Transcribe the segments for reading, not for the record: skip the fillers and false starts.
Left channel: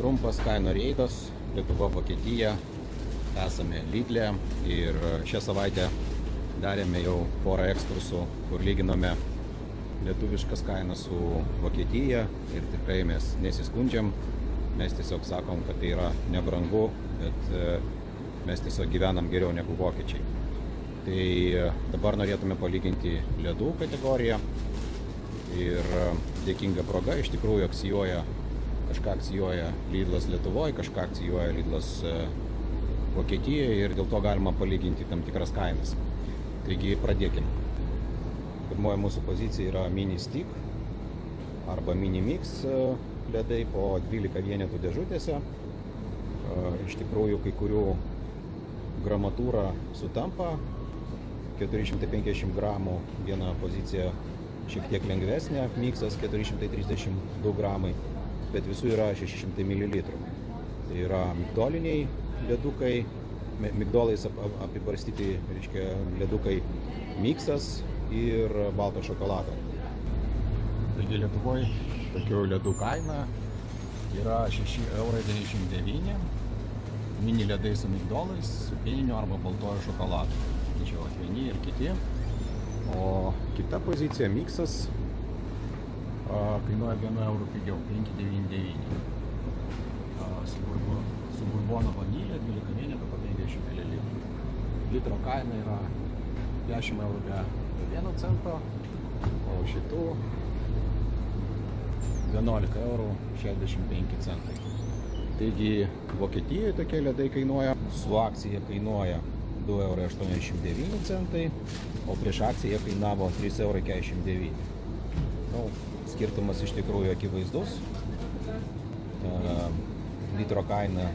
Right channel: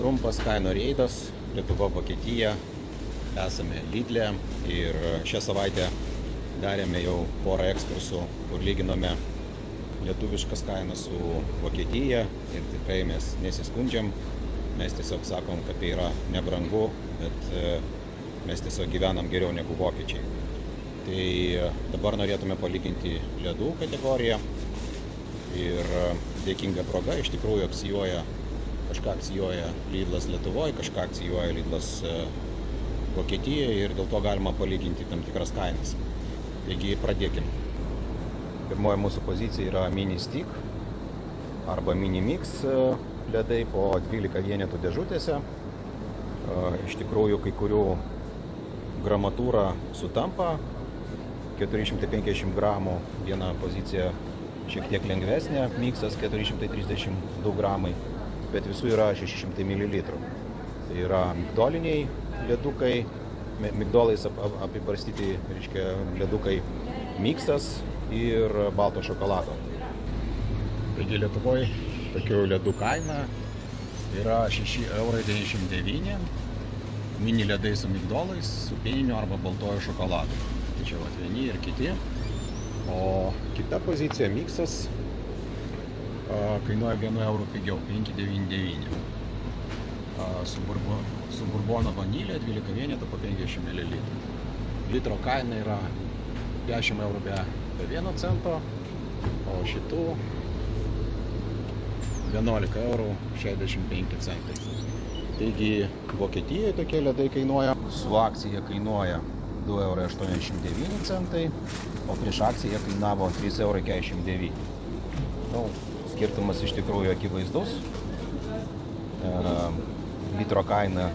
Trumpas kainų reidas, Lietuva, Vokietija, esame Lidle ir šią savaitę darėme jau porą ekskursų, kur lyginome lietuviškas kainas su Vokietija ir tikrai mes nesiskundžiam, mes tiesiog sakom, kad tai yra nebrangu, bet mes tiesiog gyvenam geriau negu vokiečiai. Tai dabar norėtume palyginti ledų kategoriją ir dėkinga proga iš tikrųjų kažką akcijuoja Lidlas Lietuvoje, kažką akcijuoja Lidlas Vokietijoje ir dėl to galima palyginti tam tikras kainas. Taigi pradėkim. Pirmoji mūsų pozicija yra Mini Stick arba Mini Mix ledai po 12 vienetų dėžutėse. Iš tikrųjų kai kurių gramatūra sutampa. 450 gramų viena pozicija šiek tiek lengvesnė, miksas 432 gramai, bet visų yra 600 ml. Tai yra migdoliniai ledukai, migdolais apibarstyti, reiškia, ledukai miksas ir balto šokolado. Taigi Lietuvoje tokių ledų kaina yra 6,99 €, mini ledai su migdolais, su pieniniu arba baltoju šokoladu. Tai čia vieni ir kiti. O kita pozicija miksas kainuoja 1 € pigiau, 5,99 €. Su burbono vanilė 12 vienetų po 50 ml. Litro kaina yra 10 € be 1 cento, o šitų 11,65 €. Taigi Vokietijoje tokie ledai kainuoja, su akcija kainuoja 2,89 €, o prieš akciją kainavo 3,49 €. Skirtumas iš tikrųjų akivaizdus. Litro kaina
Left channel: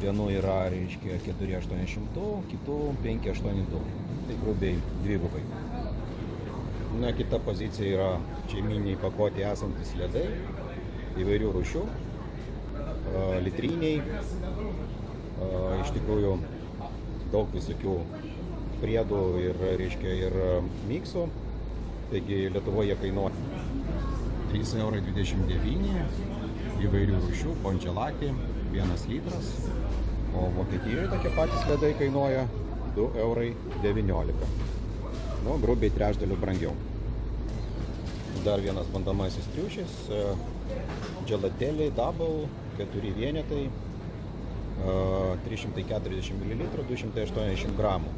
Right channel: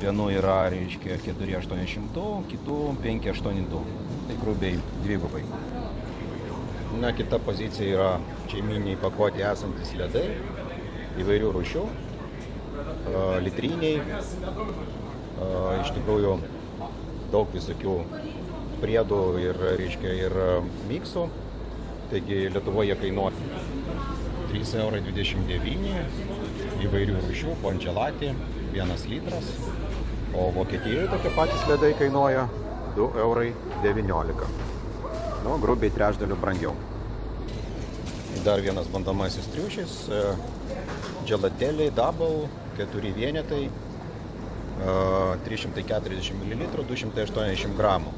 vienų yra, reiškia, 4,82, kitų 5,82. Tai grubiai dvigubai. Na, kita pozicija yra šeiminiai pakuotė esantis ledai įvairių rūšių, litriniai, iš tikrųjų daug visokių priedų ir, reiškia, ir miksų. Taigi Lietuvoje kainuoja 3,29 € įvairių rūšių, kongelatė, 1 litras, o Vokietijoje tokie patys ledai kainuoja 2,19 €. Grubiai trečdaliu brangiau. Dar vienas bandomasis triušis, Gelatėliai Double, 4 vienetai, 340 ml, 280 gramų.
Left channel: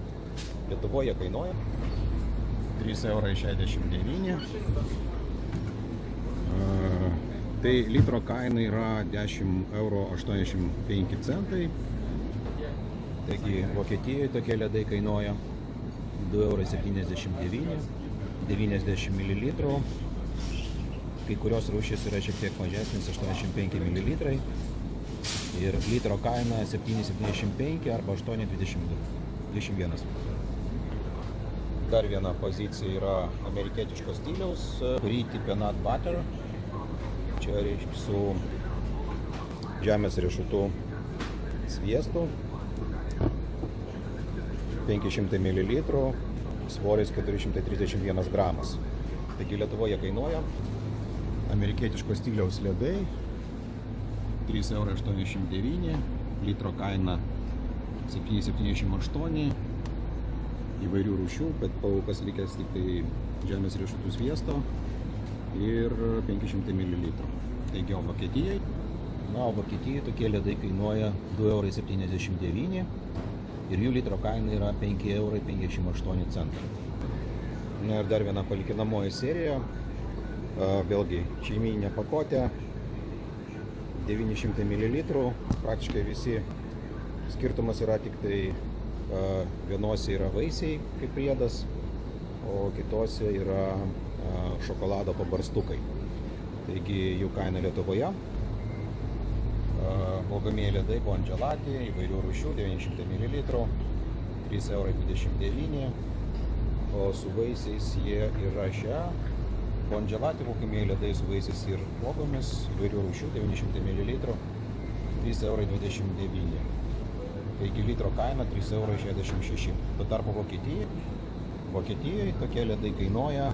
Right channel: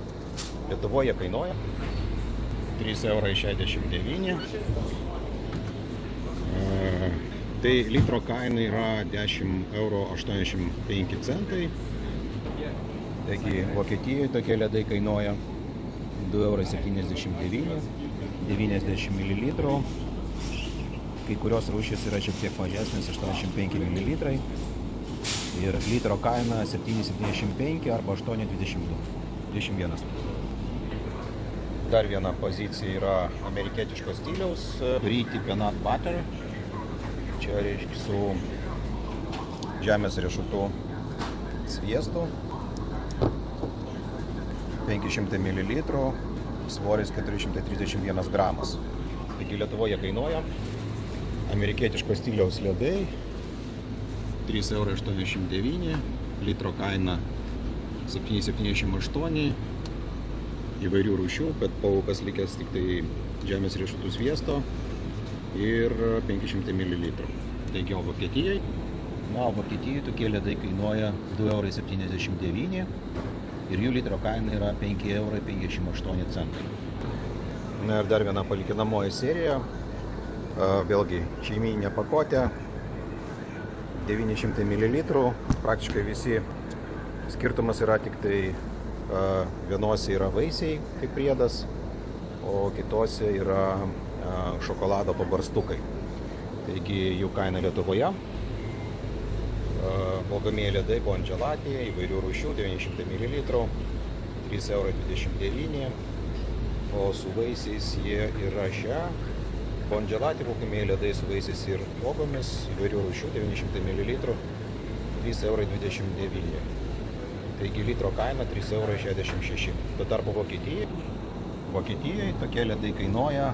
Lietuvoje kainuoja 3,69 €. Tai litro kaina yra 10,85 €. Taigi Vokietijoje tokie ledai kainuoja 2,79 €, 90 ml. Kai kurios rūšys yra šiek tiek mažesnis, 85 ml. Ir litro kaina 7,75 € arba 8,21 €. Dar viena pozicija yra amerikietiško stiliaus Briti Peanut Butter. Čia reiškia su žemės riešutų sviestu. 500 ml, svoris 431 gramas. Taigi Lietuvoje kainuoja amerikietiško stiliaus ledai 3,89 €, litro kaina 7,78 € įvairių rūšių, bet paukas likęs tik tai žemės riešutų sviesto ir 500 ml. Taigi Vokietijai. Na, Vokietijoje tokie ledai kainuoja 2,79 € ir jų litro kaina yra 5,58 €. Na ir dar viena palikinamoji serija. Vėlgi šeimyninė pakuotė, 900 ml, praktiškai visi. Skirtumas yra tik tai vienose yra vaisiai kaip priedas, o kitose yra šokolado pabarstukai. Taigi jų kaina Lietuvoje. Valgomieji ledai kongelatė, įvairių rūšių, 900 ml, 3,29 €, o su vaisiais jie yra šią. Kongelatė valgomieji ledai su vaisiais ir uogomis, įvairių rūšių, 900 ml, 3,29 €. Taigi litro kaina 3,66 €. Tuo tarpu Vokietijoje tokie ledai kainuoja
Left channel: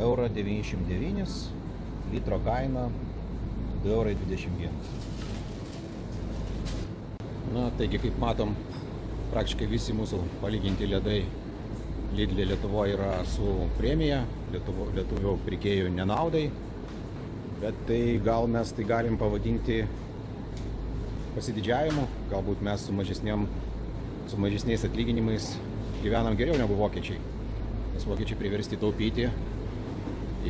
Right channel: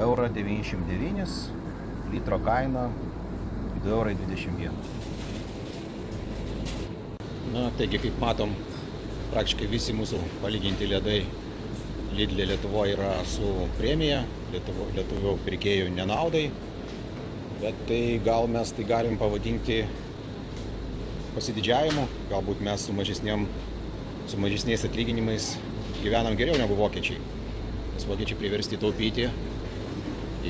1,99 €, litro kaina 2,21 €. Na, taigi, kaip matom, praktiškai visi mūsų palyginti ledai Lidl Lietuvoje yra su premija, lietuvių pirkėjų nenaudai, bet tai gal mes tai galim pavadinti pasididžiavimu, galbūt mes su mažesniais atlyginimais gyvenam geriau negu vokiečiai. Nes vokiečiai priversti taupyti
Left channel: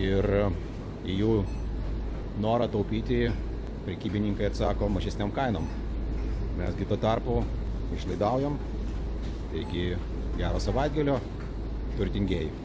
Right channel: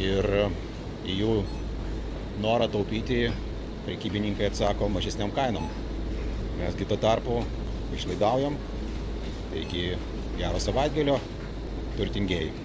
ir į jų norą taupyti prekybininkai atsako mažesniam kainom. Mesgi tuo tarpu išlaidaujam, taigi gero savaitgalio, turtingieji.